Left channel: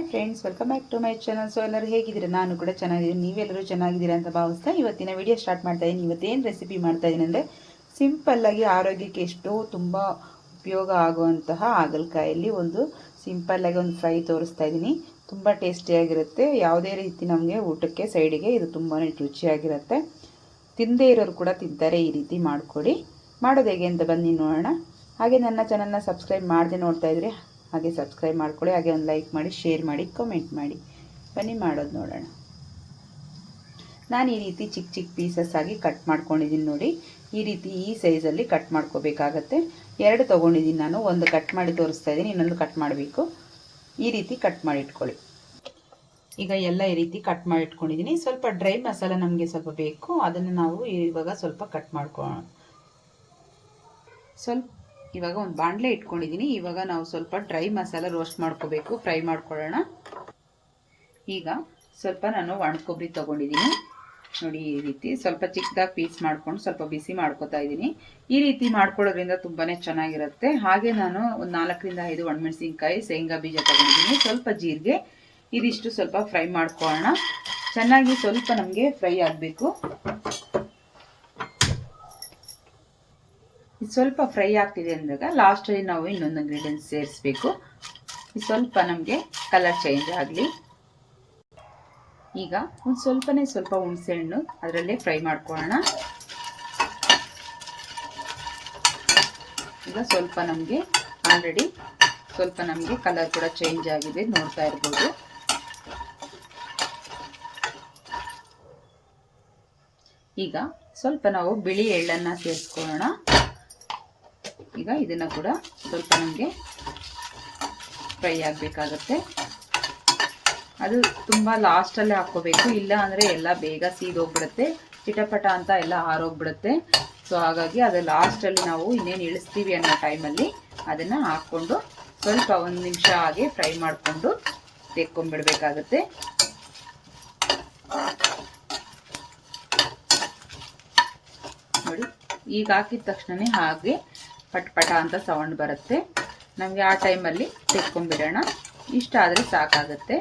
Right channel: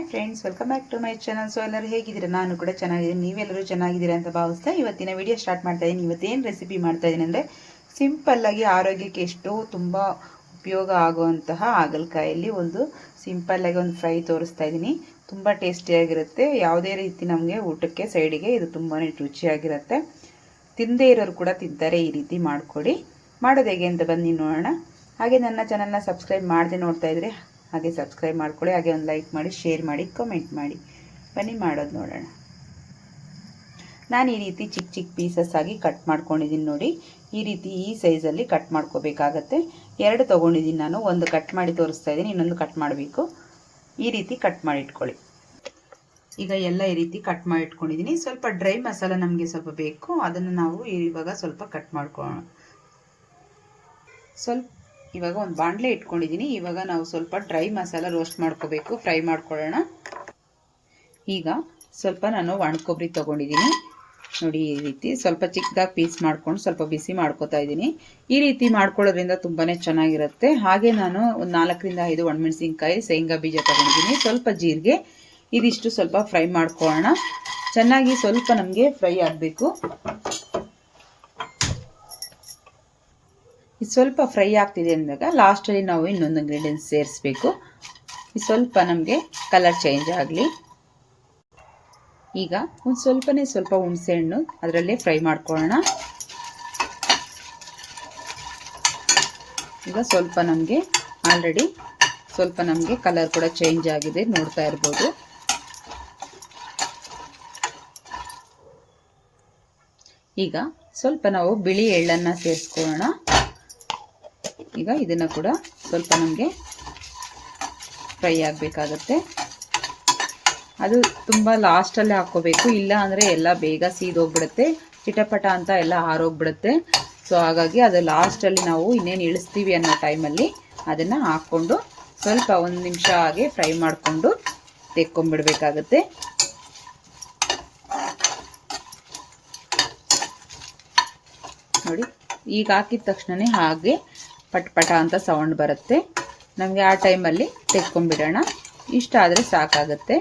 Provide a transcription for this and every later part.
Hi friends, welcome back to my channel. So ಎಲ್ಲರೂ ಹೇಗಿದ್ದೀರಾ? ನಾನು ಕೂಡ ಚೆನ್ನಾಗಿದ್ದೀನಿ. ನೀವೆಲ್ಲರೂ ಚೆನ್ನಾಗಿದ್ದೀರಾ ಅಂತ ಭಾವಿಸ್ತಾ ಇವತ್ತಿನ ವಿಡಿಯೋ ಸ್ಟಾರ್ಟ್ ಮಾಡ್ತಾ ಇದ್ದೀನಿ. ಇವತ್ತೇನು ರೆಸಿಪಿ ಮಾಡ್ತಾ ಇದ್ದೀನಿ ಅಂದರೆ, ಸಿಂಪಲ್ಲಾಗಿ ಆರೋಗ್ಯಕ್ಕೆ ಎಷ್ಟೋ ತುಂಬ ಉಪಯೋಗ ಆಗುವಂತಹ ಹಾಗಲಕಾಯಲ್ಲಿ ಒಂದು ಸಿಂಪಲ್ಲಾಗಿ ಒಂದು ಫ್ರೈ ತೋರಿಸ್ತಾ ಇದ್ದೀನಿ. ತುಂಬ ಟೇಸ್ಟಿಯಾಗಿರುತ್ತೆ. ಯಾವುದೇ ರೀತಿ ನಮಗೆ ಊಟಕ್ಕೆ ಸೈಡಿಗೆ ಇದು ತುಂಬಾ ರುಚಿಯಾಗಿರುತ್ತೆ. ತಿಂದೇ ಇರೋರು ಕೂಡ ತಿಂತಾರೆ. ಈ ರೀತಿ ಮಾಡಿಕೊಡಿ. ಮಾಡೋದು ಹೇಗೆ ಅಂತ ಬನ್ನಿ ನೋಡೋಣ. ಹಾಗೆ ನನ್ನ ಚಾನಲ್ನ ಸಬ್ಸ್ಕ್ರೈಬ್ ಮಾಡದೆ ನೋಡ್ತಾ ಇದ್ರೆ ಹಾಗೆ ಸಬ್ಸ್ಕ್ರೈಬ್ ಮಾಡ್ಕೊಳ್ಳಿ. ಹಾಗೆ ಒಂದು ಲೈಕ್ ಮಾಡಿ, ಶೇರ್ ಮಾಡಿ, ಕಮೆಂಟ್ ಮಾಡಿ. ಬನ್ನಿ ಮಾಡೋದು ನೋಡೋಣ. ನಾನು ಈ ರೀತಿ ಚಿಕ್ಕ ಚಿಕ್ಕ ಪೀಸಸ್ ಆಗಿ ಕಟ್ ಮಾಡ್ಕೊಂಡಿದ್ದೀನಿ ನೋಡಿ. ಈ ರೀತಿ ಈ ಸೈಜಲ್ಲಿ ಕಟ್ ಮಾಡ್ಕೋಬೇಕಾಗತ್ತೆ. 2 ತೊಗೊಂಡಿದ್ದೀನಿ ನಾನು. ಒಂದು ಕಟ್ ಮಾಡಿ ತೋರಿಸ್ತಾ ಇದ್ದೀನಿ, ಇನ್ನೊಂದು ಕಟ್ ಮಾಡಬೇಕು. ಈ ರೀತಿ ಕಟ್ ಮಾಡಿ ಇಟ್ಕೊಳ್ಳಿ. ಈಗ ಎಲ್ಲ ಈ ರೀತಿ ಕಟ್ ಮಾಡಿ ಇಟ್ಕೊಂಡಿದ್ದೀನಿ. ಸ್ವಲ್ಪ ಡ್ರೈ ಮಸಾಲ ನಮಗೆ ಸ್ವಲ್ಪ ಬೇಕು, ಅದನ್ನು ನಾವು ಇವಾಗ ಸ್ವಲ್ಪ ಕಟ್ ಮಾಡ್ಕೊಳ್ಳೋಣ. ಇವಾಗ ಒಂದು ಬಾಣಲೆ ಇಟ್ಕೊಂಡಿದ್ದೀನಿ. ಇವಾಗ ನಾವು ಸ್ವಲ್ಪ ಡ್ರೈ ಮಸಾಲ ರೋಸ್ಟ್ ಮಾಡ್ಕೋಬೇಕು, ಫ್ರೈ ಮಾಡ್ಕೊಳ್ಳೋಣ. ಈಗ ಸ್ವಲ್ಪ ನಾನು ಒಣ ಕೊಬ್ಬರಿ ತೊಗೊಂಡಿದ್ದೀನಿ ನೋಡಿ. ಈ ರೀತಿ ಸ್ವಲ್ಪ ಚಿಕ್ಕದಾಗಿ ಪೀಸ್ ಮಾಡ್ಕೊಂಡು ಸ್ವಲ್ಪ ಬಿಸಿ ಮಾಡ್ಕೋತಾ ಇದ್ದೀನಿ. ಈ ರೀತಿ ಮಾಡ್ಕೊಳ್ಳೋದ್ರಿಂದ ತುಂಬಾ ಚೆನ್ನಾಗಿರುತ್ತೆ. ಹಾಗೆ ನಾನು ಒಂದು 4 ರಿಂದ 5 ಒಣಮೆಣಸಿನ್ಕಾಯಿ, ಶೇಂಗಾ ಬೀಜ ತೊಗೊಂಡಿದ್ದೀನಿ, ಸ್ವಲ್ಪ ಜೀರಿಗೆ. ಇದಿಷ್ಟು ಸ್ವಲ್ಪ ಫ್ರೈ ಮಾಡ್ಕೊಳ್ಳೋಣ. ಚೆನ್ನಾಗಿ ಸ್ವಲ್ಪ ನಮಗೆ ಫ್ರೈ ಆಗಬೇಕು. ಇದು ಸ್ವಲ್ಪ ಫ್ರೈ ಆಗ್ತಿದೆ ಅಂದಾಗ ಲಾಸ್ಟಲ್ಲಿ ನಾವು ಇನ್ನೊಂದು ಇಂಗ್ರೀಡಿಯೆಂಟ್ಸ್ ಸೇರಿಸಬೇಕು. ಇದು ಸ್ವಲ್ಪ ನಮಗೆ ಕಲರ್ ಚೇಂಜ್ ಆಗಲಿ. ಈಗ ಒಂದು ಸ್ವಲ್ಪ ಹುಣಸೆಹಣ್ಣು ಅದರಲ್ಲೇ ಫ್ರೈ ಮಾಡ್ಕೊಳ್ಳೋಣ. ಈಗ ಸ್ವಲ್ಪ ನಮಗೆ ಆಲ್ರೆಡಿ ಸ್ವಲ್ಪ ನಮಗೆ ಕಲರ್ ಕೂಡ ಚೇಂಜ್ ಆಗಿದೆ, ನೋಡ್ತಾ ಇರ್ಬೋದು. ಈಗ ಸ್ವಲ್ಪ ನಾವು ಬಿಳಿ ಎಳ್ಳನ್ನು ಸೇರಿಸ್ಕೊಳ್ಳೋಣ. ಈಗ ಇದನ್ನು ಕೂಡ ಸ್ವಲ್ಪ ನಮಗೆ ಫ್ರೈ ಆಗಬೇಕಾಗತ್ತೆ. ಅದು ತುಂಬ ಲಾಸ್ಟಲ್ಲೇ ಹಾಕ್ಕೋಬೇಕು, ಇಲ್ಲ ಅಂದರೆ ಎಲ್ಲ ಬೇಗ ಸೀದೋಗ್ಬಿಡುತ್ತೆ, ಚಿಟಪಟ ಅಂತ ಎಲ್ಲ ಹಾರೋಗ್ಬಿಡುತ್ತೆ. ಸೊ ಹಾಗಾಗಿ ಅದು ಲಾಸ್ಟಲ್ಲಿ ನಾವು ಇನ್ನೇನು ಇಳಿಸ್ತೀವಿ ಅನ್ನೋ ಟೈಮಲ್ಲಿ ಅದನ್ನು ಹಾಕ್ಕೊಂಡು ಸ್ವಲ್ಪ 1 ನಿಮಿಷ ಹಾಗೆ ಫ್ರೈ ಮಾಡಿಕೊಂಡು ತೆಕ್ಕೊಂಬಿಡ್ಬೇಕಾಗತ್ತೆ. ನೋಡಿ, ಈಗ ಹಾಕಿದ ತಕ್ಷಣ ಹಾಗೆ ಪಟ್ ಅಂತ ಸೌಂಡ್ ಬರುತ್ತೆ. ನಮಗೆ ಆ ಟೈಮಲ್ಲಿ ತೆಕ್ಕೊಂಬಿಡೋಣ. ಇಷ್ಟ ಆದರೆ ಸಾಕಾಗುತ್ತೆ.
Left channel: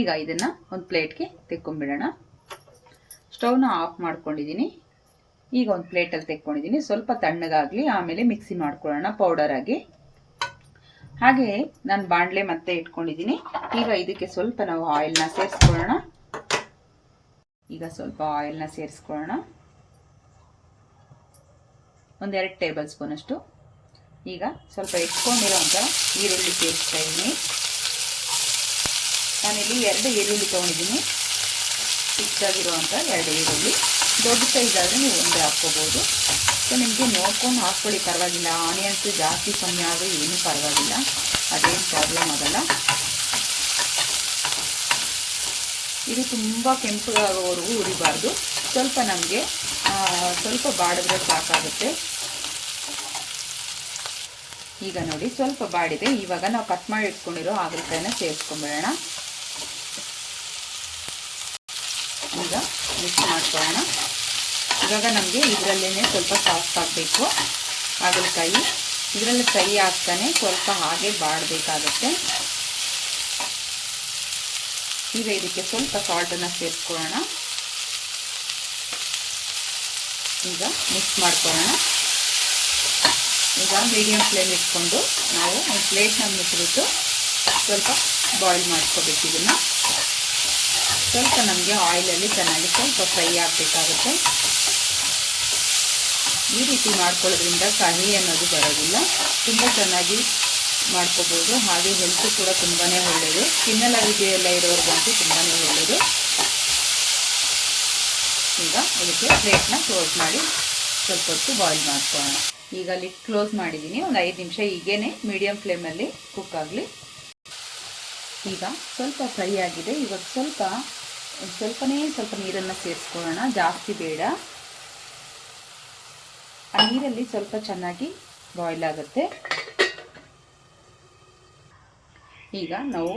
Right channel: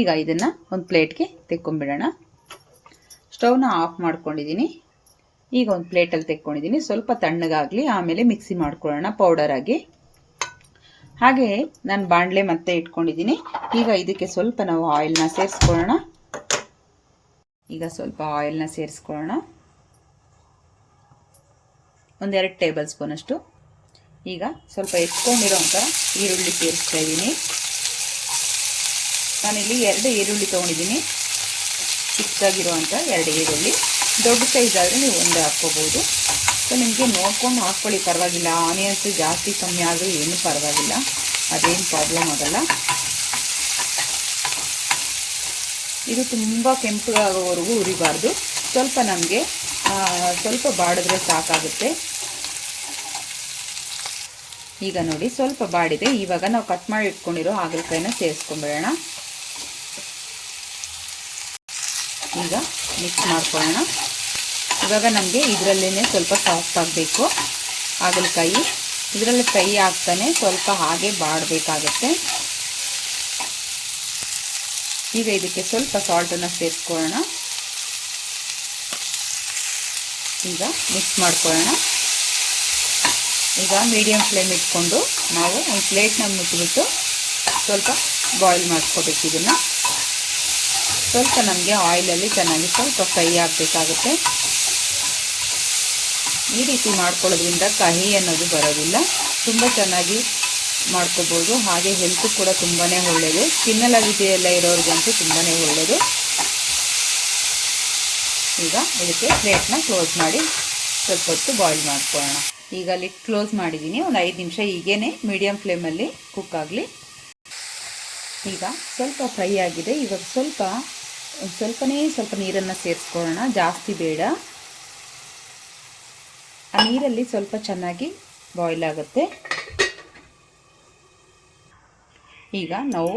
ಈಗ ಇದನ್ನು ಒಂದು ಪ್ಲೇಟ್ಗೆ ತೆಕ್ಕೊಂಬಿಡೋಣ. ಸ್ಟವ್ನ ಆಫ್ ಮಾಡ್ಕೊಂಡಿದ್ದೀನಿ. ಈಗ ಒಂದು ಪ್ಲೇಟಲ್ಲಿ ತೆಕ್ಕೊಂಡಿದ್ದೀನಿ. ಸ್ವಲ್ಪ ತಣ್ಣಗಾಗಲಿ, ಆಮೇಲೆ ಮಿಕ್ಸಿ ಮಾಡ್ಕೊಳ್ಳೋಣ ಪೌಡರ್ ಆಗಿ. ಹಾಗೆ ನಾನು ಬಾಣಲೆ ಮತ್ತೆ ಇಟ್ಕೊಂಡಿದ್ದೀನಿ. ಈಗ ಇದಕ್ಕೆ ಸ್ವಲ್ಪ ನಾವು ಆಯಿಲ್ನ ಸೇರಿಸ್ಕೊಳ್ಳೋಣ. ಈಗ ಸ್ವಲ್ಪ ಆಯಿಲ್ನ ಸೇರಿಸ್ಕೊಳ್ಳೋಣ. 1 2 ಟೇಬಲ್ ಸ್ಪೂನ್ ಅಷ್ಟು. ಈಗ ಸ್ವಲ್ಪ ಹೆಚ್ಕೊಂಡಿರೋಂಥ ಈರುಳ್ಳಿ ಸೇರಿಸ್ತಾ ಇದ್ದೀನಿ. ನಾನಿಲ್ಲಿ 2 ಈರುಳ್ಳಿ ತೊಗೊಂಡಿದ್ದೀನಿ. ಚಿಕ್ಕದಾಗಿರುವಂಥ 2 ಈರುಳ್ಳಿ. ದೊಡ್ಡ ಸೈಜ್ ಆದರೆ ನೀವು 1 ಹಾಕ್ಕೋಬೋದು. ಸೊ ನಿಮಗೆ ನೋಡ್ಕೊಂಡು ಹಾಕ್ಕೊಳ್ಳಿ, ಪರವಾಗಿಲ್ಲ. ಆನಿಯನ್ಸ್ ಜಾಸ್ತಿ ಕಮ್ಮಿ ಆದರೆ ಏನೂ ಪರವಾಗಿಲ್ಲ, ಅದೇನು ಪ್ರಾಬ್ಲಮ್ ಆಗೋಲ್ಲ. ಇದು ತುಂಬ ಕೆಂಪಗಾಗೋವರೆಗೂ ಉರಿಬಾರ್ದು. ಸ್ವಲ್ಪ ನಮಗೆ ಸ್ವಲ್ಪ ಬಾಡಿದ್ರೆ ಸಾಕಾಗುತ್ತೆ. ಈಗ ನೋಡಿ, ಸ್ವಲ್ಪ ಬಾಡಿದೆ. ಇವಾಗ ನಾವು ಕಟ್ ಮಾಡಿ ಇಟ್ಕೊಂಡಿರೋ ಹಾಗಲಕಾಯಿನ ಸೇರಿಸ್ಕೊಂಡ್ಬಿಡೋಣ. ಈಗ ಮಿಕ್ಸ್ ಮಾಡ್ಕೊಳ್ಳೋಣ. ಇವಾಗ ನಮಗೆ ಇದರಲ್ಲೇ ಸ್ವಲ್ಪ ಸಾಫ್ಟ್ ಆಗಬೇಕು ಹಾಗಲಕಾಯಿ. ಇದರಲ್ಲಿ ಫ್ರೈ ಆಗ್ತಾನೆ ಸ್ವಲ್ಪ ಹಾಗೆ ಬಾಡಬೇಕಾಗತ್ತೆ. ಈಗ ಇದಕ್ಕೆ ಸ್ವಲ್ಪ ಸಾಲ್ಟನ್ನು ಸೇರಿಸ್ಕೊಳ್ಳೋಣ. ಈಗ ಮಿಕ್ಸ್ ಮಾಡ್ಕೊಳ್ಳೋಣ. ಈಗ ಮೀಡಿಯಮ್ ಫ್ಲೇಮ್ ಇಟ್ಕೊಂಡು ನಾವು ಒಂದು ಪ್ಲೇಟ್ನ ಮುಚ್ಚಿಬಿಟ್ಟು ಸ್ವಲ್ಪ ಬಾಯ್ಲ್ ಮಾಡ್ಕೋಬೇಕು. ಇದನ್ನು ಸ್ವಲ್ಪ ನಮಗೆ ಆಯಿಲಲ್ಲಿ ಚೆನ್ನಾಗಿ ಸ್ವಲ್ಪ ಫ್ರೈ ಆಗಬೇಕಾಗುತ್ತೆ. ಈ ರೀತಿ ಮಾಡ್ಕೊಳ್ಳೋದ್ರಿಂದ ಕಹಿ ಅನ್ನೋದು ಬರೋದಿಲ್ಲ. ತುಂಬ ಚೆನ್ನಾಗಿ ಮಾಡ್ಕೋಬೋದು. ಹಾಗೆ ಹೆಲ್ತ್ ಕೂಡ ತುಂಬಾ ಒಳ್ಳೆಯದು. ಸ್ಕಿನ್ ಅಲರ್ಜಿ ಎಲ್ಲ ಇರೋರಿಗಂತೂ ತುಂಬಾ ಒಳ್ಳೆಯದು. ಈಗ ಇದಕ್ಕೆ ಪ್ಲೇಟ್ನ ಕ್ಲೋಸ್ ಮಾಡಿ ಸ್ವಲ್ಪ ಹೊತ್ತು ಬಾಯ್ಲ್ ಮಾಡ್ಕೊಳ್ಳೋಣ. ಈಗ ಲಿಡ್ ಕ್ಲೋಸ್ ಮಾಡಿದ್ದೀನಿ. ಒಂದು 5 ನಿಮಿಷ ಹೀಗೇ ಮೀಡಿಯಮ್ ಫ್ಲೇಮಲ್ಲಿ ಕುಕ್ ಆಗಲಿ. ಈಗ ಸ್ವಲ್ಪ ಫ್ರೈ ಆಗಿದೆ. ಇವಾಗ ಸ್ವಲ್ಪ ನೀರನ್ನು ಸೇರಿಸ್ಕೊಳ್ಳೋಣ, ಜಾಸ್ತಿ ಬೇಡ. ಆ ನೀರಲ್ಲಿ ಸ್ವಲ್ಪ ಚೆನ್ನಾಗಿ ಬಾಯ್ಲ್ ಆಗುತ್ತೆ. ಈಗ ನಾವು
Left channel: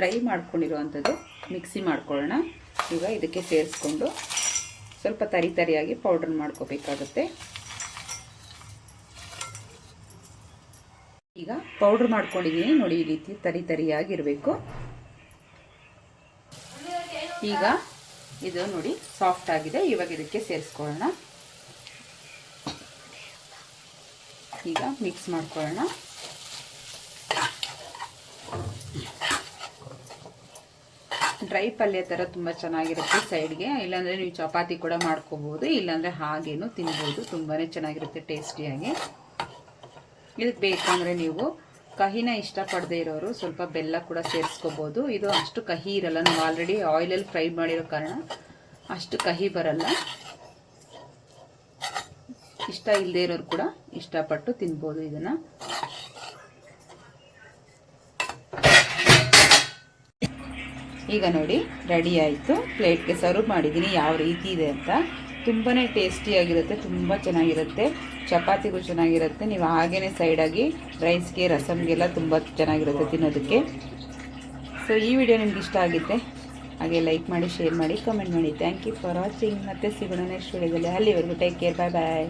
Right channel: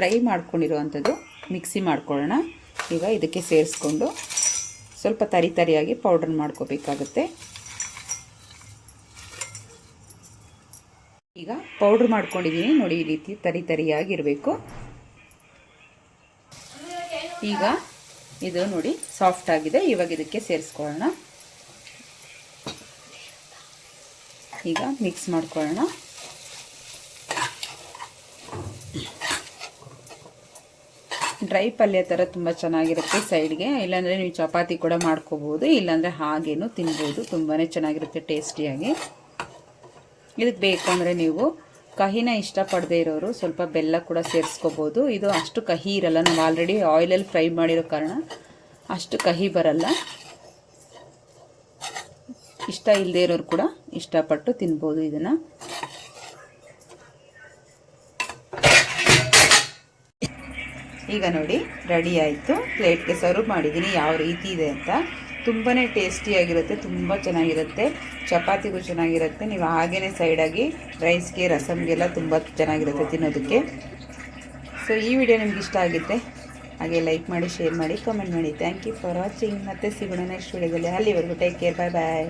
ಡ್ರೈ ಮಾಡ್ಕೊಂಡಿರುವಂಥದ್ದು ಮಿಕ್ಸಿ ಮಾಡ್ಕೊಳ್ಳೋಣ. ಈಗ ಇದಕ್ಕೆ ಸೇರಿಸ್ಕೊಂಡು ಸ್ವಲ್ಪ ತರಿಯಾಗಿ ಪೌಡರ್ ಮಾಡ್ಕೋಬೇಕಾಗುತ್ತೆ. ಈಗ ಪೌಡ್ರ್ ಮಾಡ್ಕೊಂಡಿದ್ದೀನಿ ನೋಡಿ. ಈ ರೀತಿ ತರಿ ತರಿಯಾಗಿರಬೇಕು. ಈಗ ಇದು ನೋಡಿ ಸಾಫ್ಟ್ ಆಗಿದೆ. ಇವಾಗ ಇದಕ್ಕೆ ಸೇರಿಸ್ಕೊಳ್ಳೋಣ. ಈಗ ಮಿಕ್ಸ್ ಮಾಡ್ಕೊಳ್ಳೋಣ. ಡ್ರೈ ಪಲ್ಯ ಥರ ತುಂಬ ಚೆನ್ನಾಗಿರುತ್ತೆ ಸೈಡ್ಗೆ. ಇಲ್ಲಾಂದರೆ ನೀವು ಚಪಾತಿ ಕೂಡ ಮಾಡ್ಕೋಬೋದು, ಇಲ್ಲಾಂದರೆ ಹಾಗೇನು ತಿನ್ಬೋದು. ತುಂಬಾ ಚೆನ್ನಾಗಿರುತ್ತೆ ಟೇಸ್ಟಿಯಾಗಿ. ಇದಕ್ಕೆ ಬೇಕಂದರೆ ನೀವು ಕಹಿನ ಇಷ್ಟಪಡದೇ ಇರೋರು ಸ್ವಲ್ಪ ಬೆಲ್ಲ ಕೂಡ ಸೇರಿಸ್ಕೋಬೋದು. ಇದು ಅಷ್ಟು ಕಹಿ ಇರಲ್ಲ. ನಾವು ಆಲ್ರೆಡಿ ಆಯಿಲಲ್ಲಿ ಫ್ರೈ ಮಾಡಿರೋ ಕಾರಣ ಅಷ್ಟು ಕಹಿ ಬರಲ್ಲ. ಇಷ್ಟ ಇಲ್ಲದೇ ಇರೋರು ಕೂಡ ಇಷ್ಟಪಟ್ಟು ತಿನ್ಬೋದು ಇದನ್ನು. ಈಗ ನೋಡಿ ರೆಡಿ ಆಯಿತು. ಪ್ಲೇಟ್ಗೆ ಸರ್ವ್ ಮಾಡಿದ್ದೀನಿ. ಯಾವ ರೀತಿ ಇದೆ ಅಂತ. ತುಂಬಾ ಟೇಸ್ಟಿಯಾಗಿರುತ್ತೆ, ತುಂಬ ಚೆನ್ನಾಗಿರುತ್ತೆ. ಚಪಾತಿಗೂ ಚೆನ್ನಾಗಿರುತ್ತೆ. ನೀವು ಹಾಗೇ ಸೈಡಾಗಿ ರೈಸ್ಗೆ ರಸಮ್ಗೆಲ್ಲ ತುಂಬ ಚೆನ್ನಾಗಿರುತ್ತೆ ತಿನ್ನೋದಕ್ಕೆ. ಸೊ ಈ ವಿಡಿಯೋ ನಿಮ್ಗೆ ಇಷ್ಟ ಆಗಿದ್ದರೆ ಹಾಗೆ ಲೈಕ್ ಮಾಡಿ, ಶೇರ್ ಮಾಡಿ, ಕಮೆಂಟ್ ಮಾಡಿ. Thank you for watching. ಮತ್ತೆ ಸಿಗೋಣ ನೆಕ್ಸ್ಟ್ ವಿಡಿಯೋದಲ್ಲಿ. ಅಲ್ಲಿವರೆಗೂ ಟೇಕ್ ಕೇರ್. ಬಾಯ್ ಬಾಯ್.